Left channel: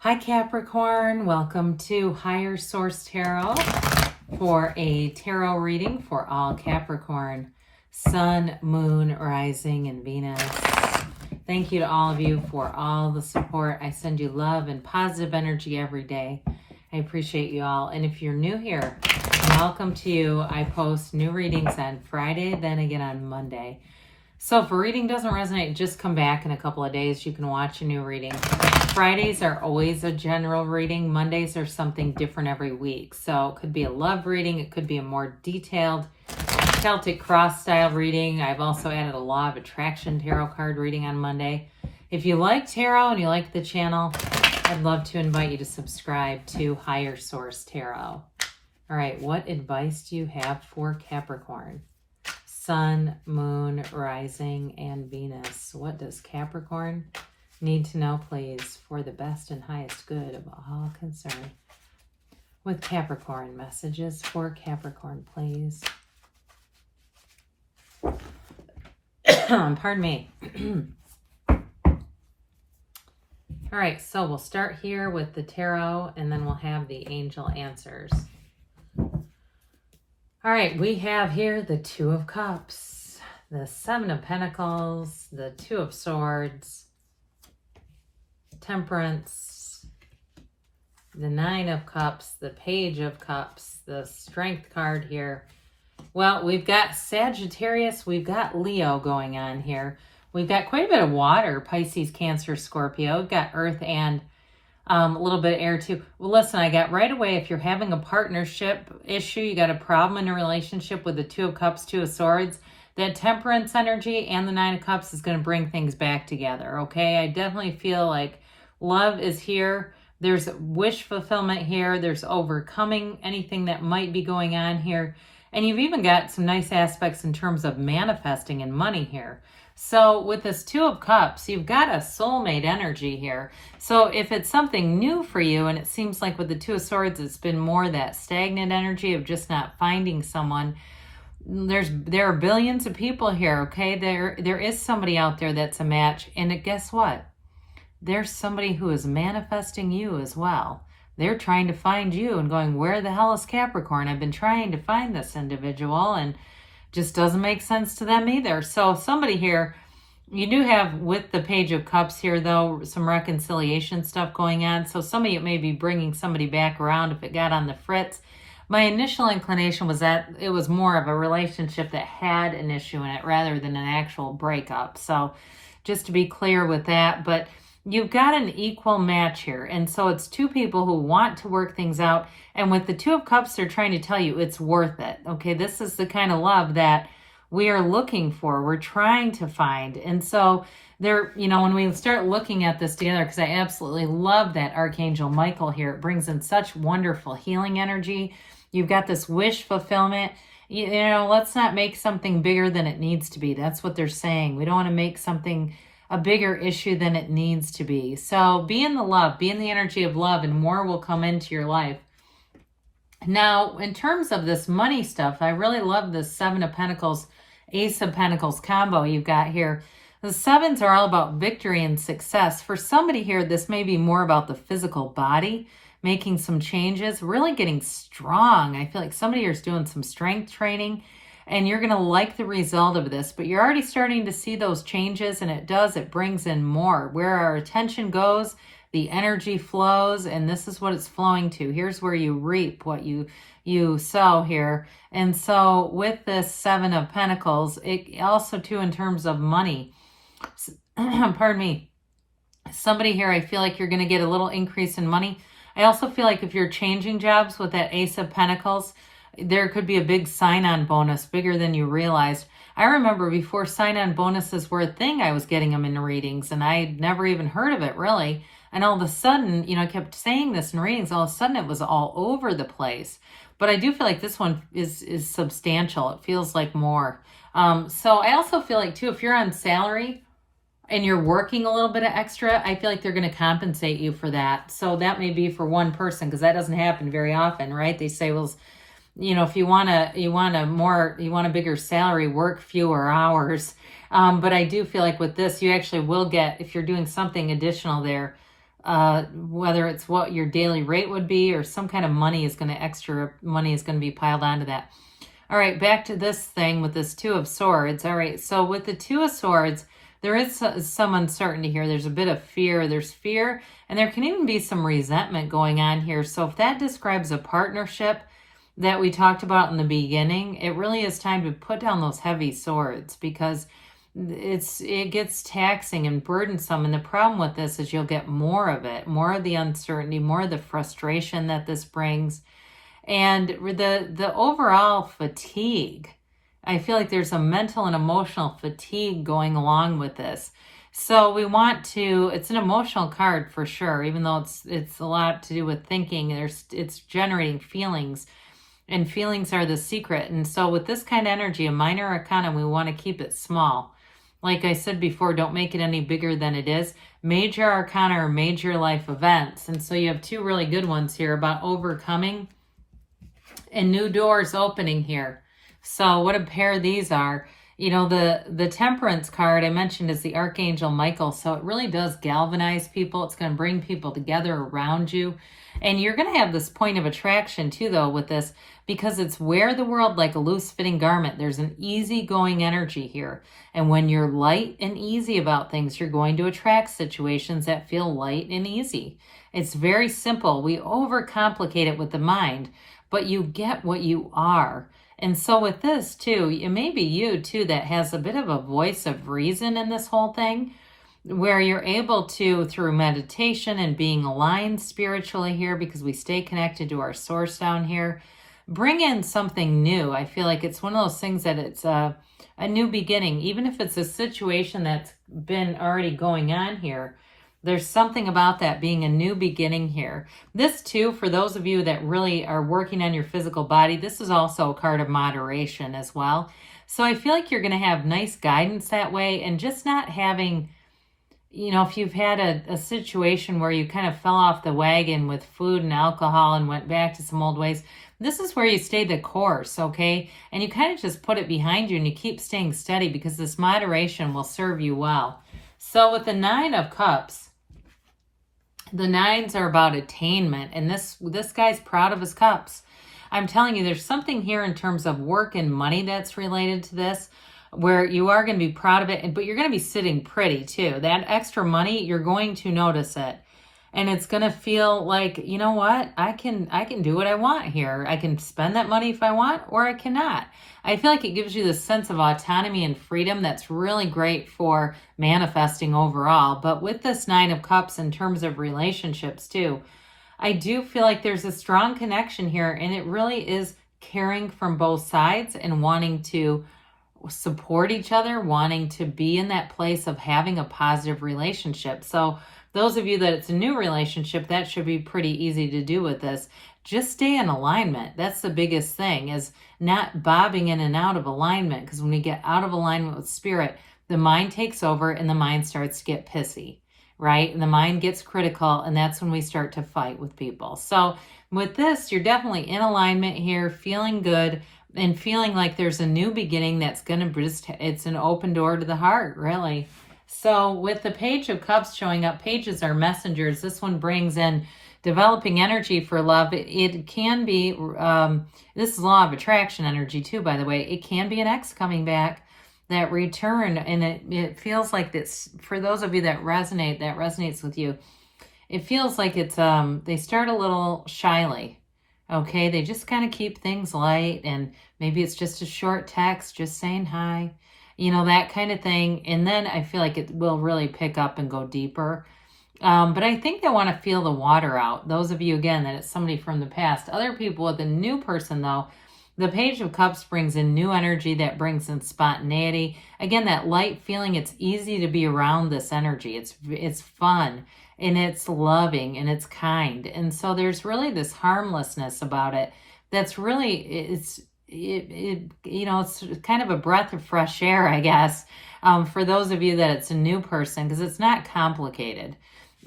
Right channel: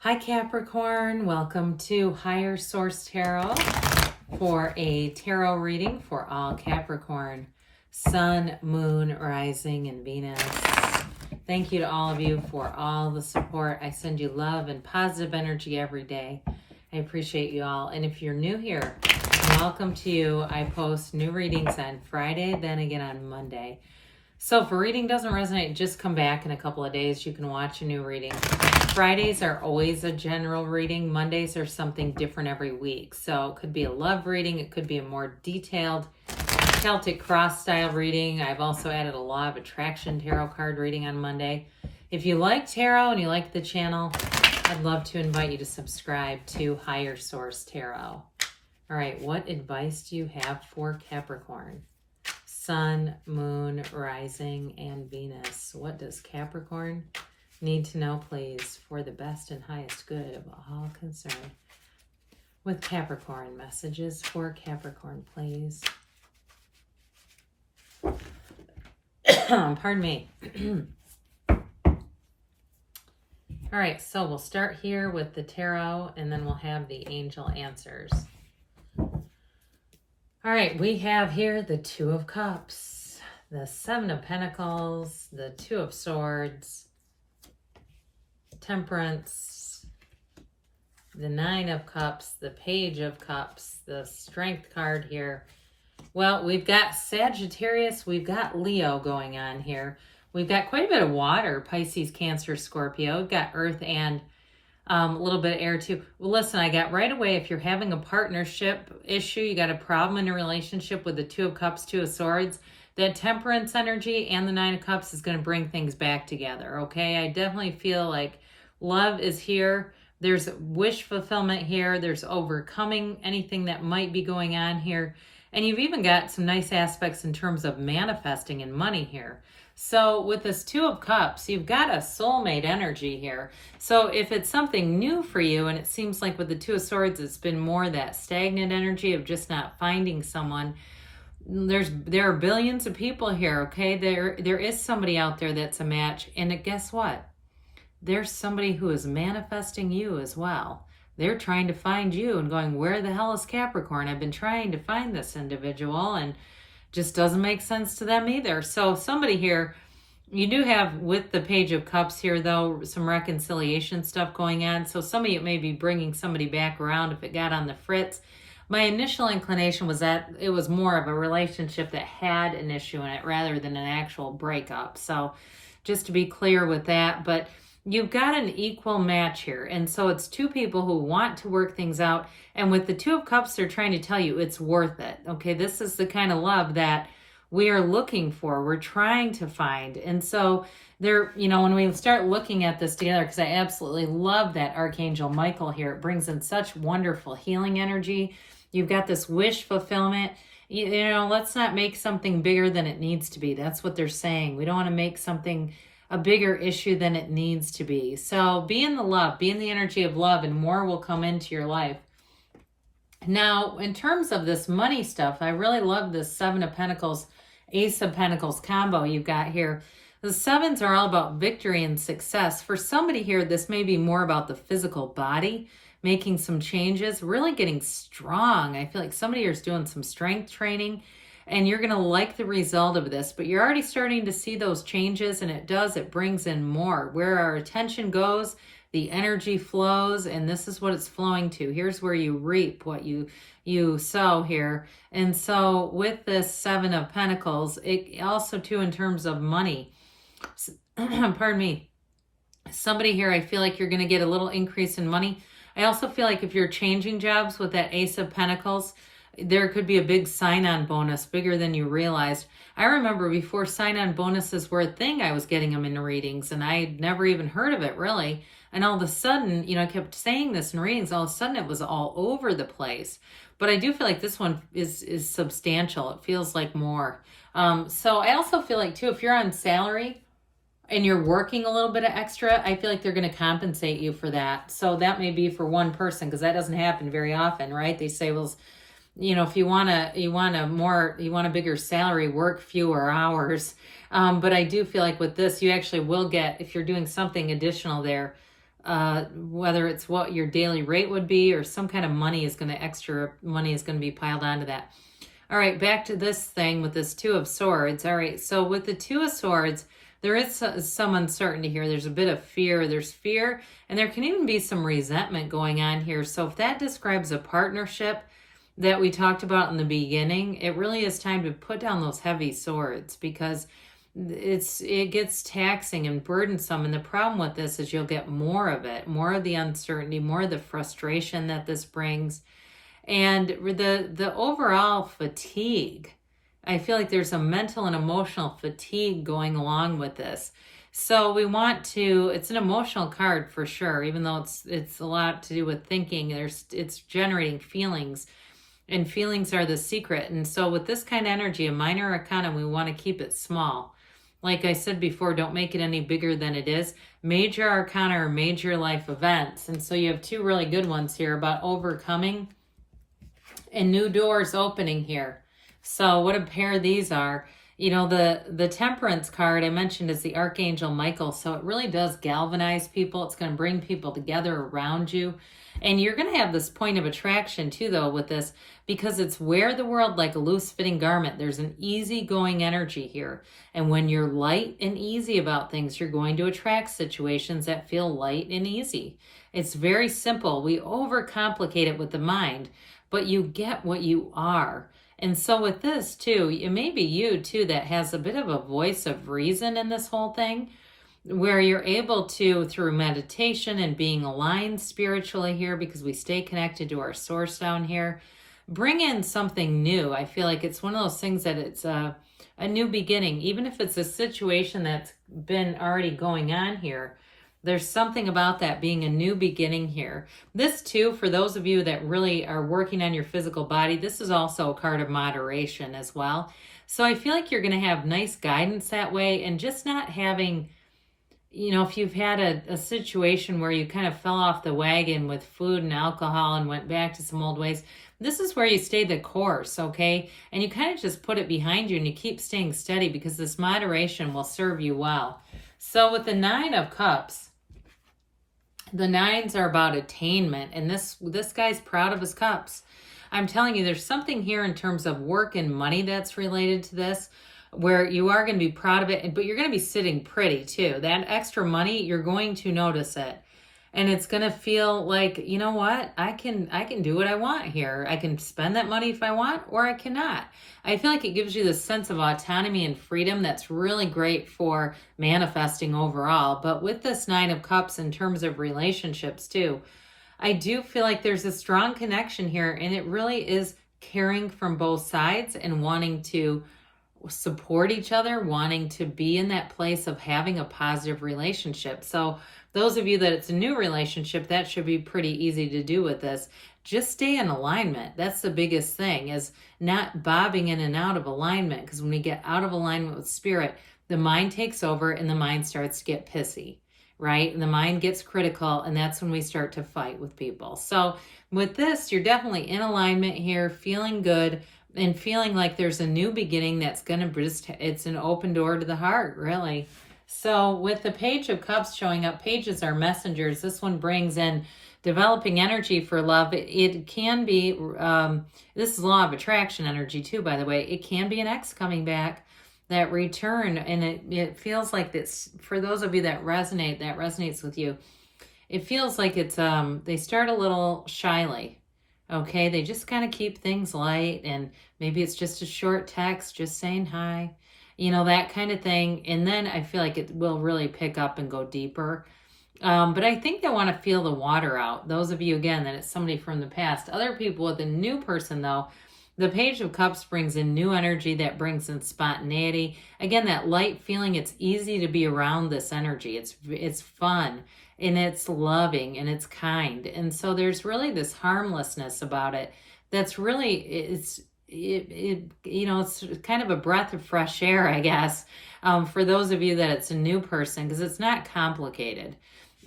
Hi Capricorn, welcome to Higher Source Tarot for a tarot reading for all Capricorn, Sun, Moon, Rising, and Venus. Thank you to all of you for all the support. I send you love and positive energy every day. I appreciate you all. And if you're new here, welcome to you. I post new readings on Friday, then again on Monday. So if a reading doesn't resonate, just come back in a couple of days. You can watch a new reading. Fridays are always a general reading. Mondays are something different every week. So it could be a love reading. It could be a more detailed Celtic cross style reading. I've also added a law of attraction tarot card reading on Monday. If you like tarot and you like the channel, I'd love to invite you to subscribe to Higher Source Tarot. All right, what advice do you have for Capricorn? Sun, Moon, Rising, and Venus. What does Capricorn need to know, please, for the best and highest good of all concerned? With Capricorn, messages for Capricorn, please. Pardon me. All right, so we'll start here with the tarot, and then we'll have the angel answers. All right, we have here the Two of Cups, the Seven of Pentacles, the Two of Swords, Temperance, the Nine of Cups, the Page of Cups, the Strength card here. Well, we've got Sagittarius, we've got Leo going on here. We've got quite a bit of water, Pisces, Cancer, Scorpio. We've got Earth and a little bit of air too. Well, listen, I got right away, if you're having a partnership issue, you got a problem in a relationship with the Two of Cups, Two of Swords, that Temperance energy and the Nine of Cups is going to bring things back together, okay? I definitely feel like love is here. There's wish fulfillment here. There's overcoming anything that might be going on here. And you've even got some nice aspects in terms of manifesting and money here. So with this Two of Cups, you've got a soulmate energy here. So if it's something new for you, and it seems like with the Two of Swords, it's been more that stagnant energy of just not finding someone. There are billions of people here, okay? There is somebody out there that's a match. And guess what? There's somebody who is manifesting you as well. They're trying to find you and going, where the hell is Capricorn? I've been trying to find this individual and just doesn't make sense to them either. So somebody here, you do have with the Page of Cups here, though, some reconciliation stuff going on. So some of you may be bringing somebody back around if it got on the fritz. My initial inclination was that it was more of a relationship that had an issue in it rather than an actual breakup. So just to be clear with that, but you've got an equal match here. And so it's two people who want to work things out. And with the Two of Cups, they're trying to tell you it's worth it. Okay, this is the kind of love that we are looking for. We're trying to find. And so there, you know, when we start looking at this together, because I absolutely love that Archangel Michael here. It brings in such wonderful healing energy. You've got this wish fulfillment. You know, let's not make something bigger than it needs to be. That's what they're saying. We don't want to make something a bigger issue than it needs to be. So be in the love, be in the energy of love, and more will come into your life. Now, in terms of this money stuff, I really love this Seven of Pentacles, Ace of Pentacles combo you've got here. The sevens are all about victory and success. For somebody here, this may be more about the physical body, making some changes, really getting strong. I feel like somebody here is doing some strength training, and you're going to like the result of this, but you're already starting to see those changes, and it brings in more. Where our attention goes, the energy flows, and this is what it's flowing to. Here's where you reap what you sow here. And so with this Seven of Pentacles, it also too in terms of money, pardon me, somebody here, I feel like you're going to get a little increase in money. I also feel like if you're changing jobs with that Ace of Pentacles, there could be a big sign-on bonus, bigger than you realized. I remember before sign-on bonuses were a thing, I was getting them in readings, and I'd never even heard of it, really. And all of a sudden, you know, I kept saying this in readings, all of a sudden it was all over the place. But I do feel like this one is substantial. It feels like more. So I also feel like, too, if you're on salary and you're working a little bit of extra, I feel like they're going to compensate you for that. So that may be for one person, because that doesn't happen very often, right? They say, well, you know, if you want a bigger salary, work fewer hours. But I do feel like with this, you actually will get, if you're doing something additional there, whether it's what your daily rate would be or some kind of extra money is going to be piled onto that. All right, back to this thing with this Two of Swords. All right, so with the Two of Swords, there is some uncertainty here. There's a bit of fear. There's fear, and there can even be some resentment going on here. So if that describes a partnership that we talked about in the beginning, it really is time to put down those heavy swords, because it gets taxing and burdensome. And the problem with this is you'll get more of it, more of the uncertainty, more of the frustration that this brings, and the overall fatigue. I feel like there's a mental and emotional fatigue going along with this. So we want to, it's an emotional card for sure, even though it's a lot to do with thinking. It's generating feelings, and feelings are the secret. And so with this kind of energy, a minor arcana, we want to keep it small. Like I said before, don't make it any bigger than it is. Major arcana are major life events. And so you have two really good ones here about overcoming and new doors opening here. So what a pair these are. You know, the Temperance card I mentioned is the Archangel Michael. So it really does galvanize people. It's going to bring people together around you. And you're going to have this point of attraction too, though, with this, because it's wear the world like a loose-fitting garment. There's an easygoing energy here. And when you're light and easy about things, you're going to attract situations that feel light and easy. It's very simple. We overcomplicate it with the mind, but you get what you are. And so with this too, it may be you too that has a bit of a voice of reason in this whole thing, where you're able to, through meditation and being aligned spiritually here, because we stay connected to our source down here, bring in something new. I feel like it's one of those things that it's a new beginning. Even if it's a situation that's been already going on here, there's something about that being a new beginning here. This too, for those of you that really are working on your physical body, this is also a card of moderation as well. So I feel like you're going to have nice guidance that way, and just not having, you know, if you've had a situation where you kind of fell off the wagon with food and alcohol and went back to some old ways, this is where you stay the course, okay? And you kind of just put it behind you and you keep staying steady, because this moderation will serve you well. So with the Nine of Cups, the nines are about attainment, and this guy's proud of his cups. I'm telling you, there's something here in terms of work and money that's related to this, where you are going to be proud of it, but you're going to be sitting pretty too. That extra money, you're going to notice it. And it's going to feel like, you know what? I can do what I want here. I can spend that money if I want, or I cannot. I feel like it gives you this sense of autonomy and freedom that's really great for manifesting overall. But with this Nine of Cups in terms of relationships too, I do feel like there's a strong connection here, and it really is caring from both sides and wanting to support each other, wanting to be in that place of having a positive relationship. So those of you that it's a new relationship, that should be pretty easy to do with this. Just stay in alignment. That's the biggest thing, is not bobbing in and out of alignment, because when we get out of alignment with spirit, the mind takes over and the mind starts to get pissy, right? And the mind gets critical, and that's when we start to fight with people. So with this, you're definitely in alignment here, feeling good, and feeling like there's a new beginning that's going to just, it's an open door to the heart, really. So with the Page of Cups showing up, pages are messengers. This one brings in developing energy for love. It can be, this is law of attraction energy too, by the way. It can be an ex coming back, that return, and it feels like this, for those of you that resonates with you, it feels like it's, they start a little shyly, okay? They just kind of keep things light, and maybe it's just a short text, just saying hi, you know, that kind of thing. And then I feel like it will really pick up and go deeper. But I think they want to feel the water out. Those of you, again, that it's somebody from the past. Other people with a new person, though, the Page of Cups brings in new energy, that brings in spontaneity. Again, that light feeling, it's easy to be around this energy. It's fun, and it's loving, and it's kind. And so there's really this harmlessness about it that's really, you know, it's kind of a breath of fresh air, I guess, for those of you that it's a new person, because it's not complicated.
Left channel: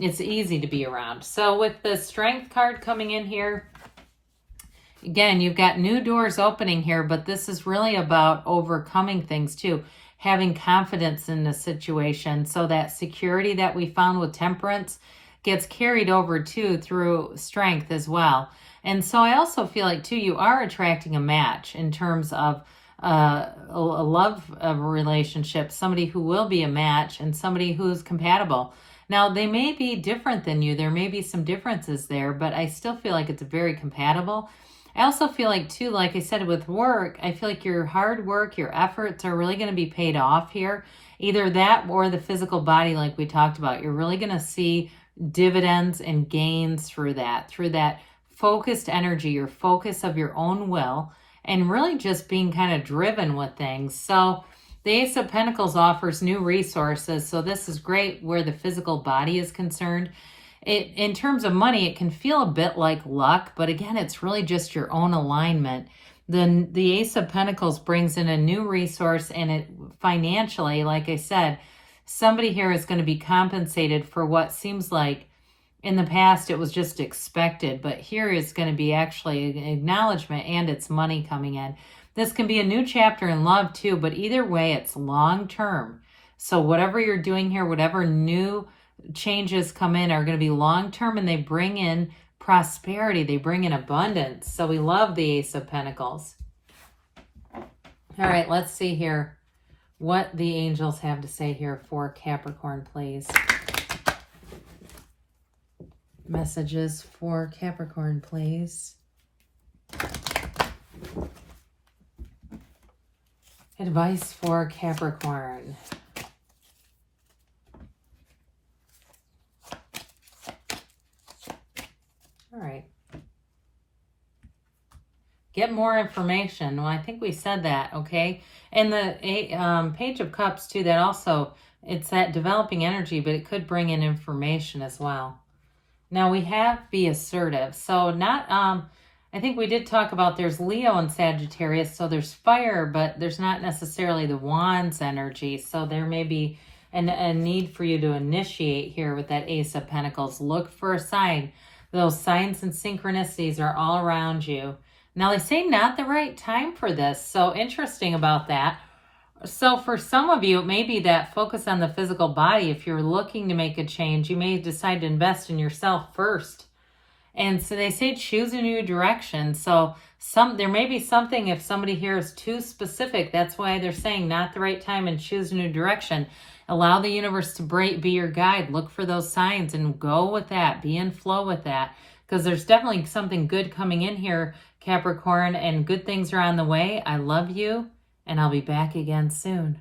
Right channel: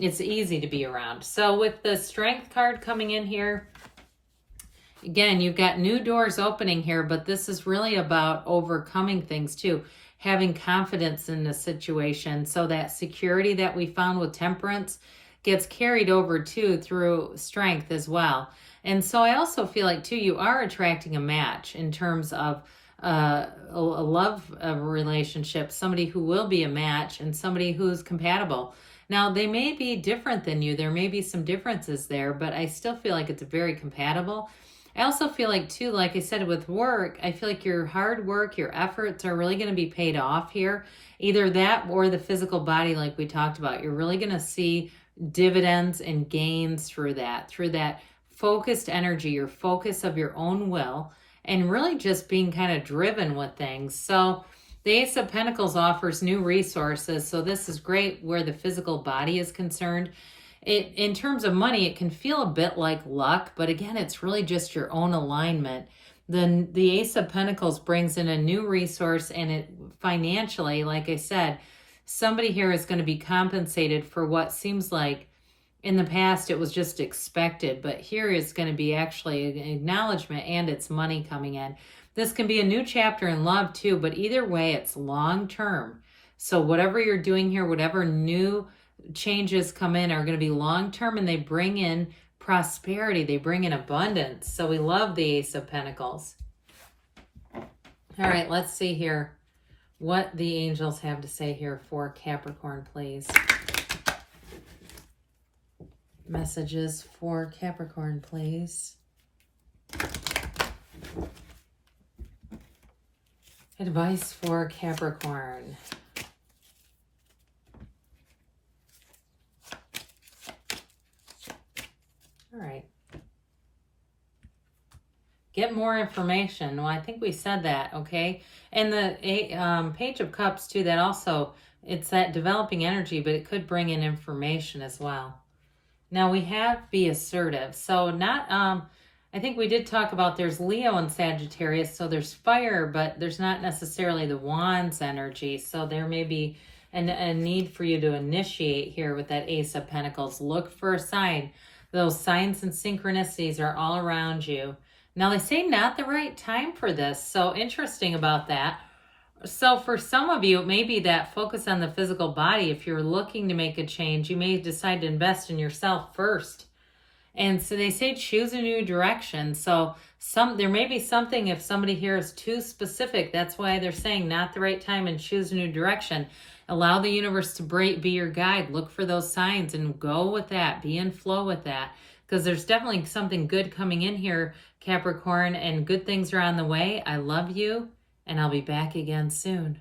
It's easy to be around. So with the Strength card coming in here, again, you've got new doors opening here, but this is really about overcoming things too, having confidence in the situation. So that security that we found with Temperance, gets carried over too through strength as well. And so I also feel like too, you are attracting a match in terms of a love relationship, somebody who will be a match and somebody who's compatible. Now, they may be different than you. There may be some differences there, but I still feel like it's very compatible. I also feel like, too, like I said, with work, I feel like your hard work, your efforts are really going to be paid off here. Either that or the physical body, like we talked about. You're really going to see dividends and gains through that focused energy, your focus of your own will, and really just being kind of driven with things. So the Ace of Pentacles offers new resources. So this is great where the physical body is concerned. In terms of money, it can feel a bit like luck, but again, it's really just your own alignment. Then the Ace of Pentacles brings in a new resource, and it financially, like I said, somebody here is going to be compensated for what seems like in the past it was just expected, but here is going to be actually an acknowledgement and it's money coming in. This can be a new chapter in love too, but either way, it's long term. So whatever you're doing here, whatever new changes come in are going to be long term, and they bring in prosperity. They bring in abundance. So we love the Ace of Pentacles. All right, let's see here what the angels have to say here for Capricorn, please. Messages for Capricorn, please. Advice for Capricorn. All right. Get more information. Well, I think we said that, okay? And the Page of Cups, too, that also, it's that developing energy, but it could bring in information as well. Now, we have be assertive. So not, I think we did talk about there's Leo and Sagittarius, so there's fire, but there's not necessarily the wands energy. So there may be a need for you to initiate here with that Ace of Pentacles. Look for a sign. Those signs and synchronicities are all around you. Now, they say not the right time for this. So interesting about that. So for some of you, it may be that focus on the physical body. If you're looking to make a change, you may decide to invest in yourself first. And so they say choose a new direction. So there may be something, if somebody here is too specific, that's why they're saying not the right time and choose a new direction. Allow the universe to be your guide. Look for those signs and go with that. Be in flow with that. Because there's definitely something good coming in here, Capricorn, and good things are on the way. I love you, and I'll be back again soon.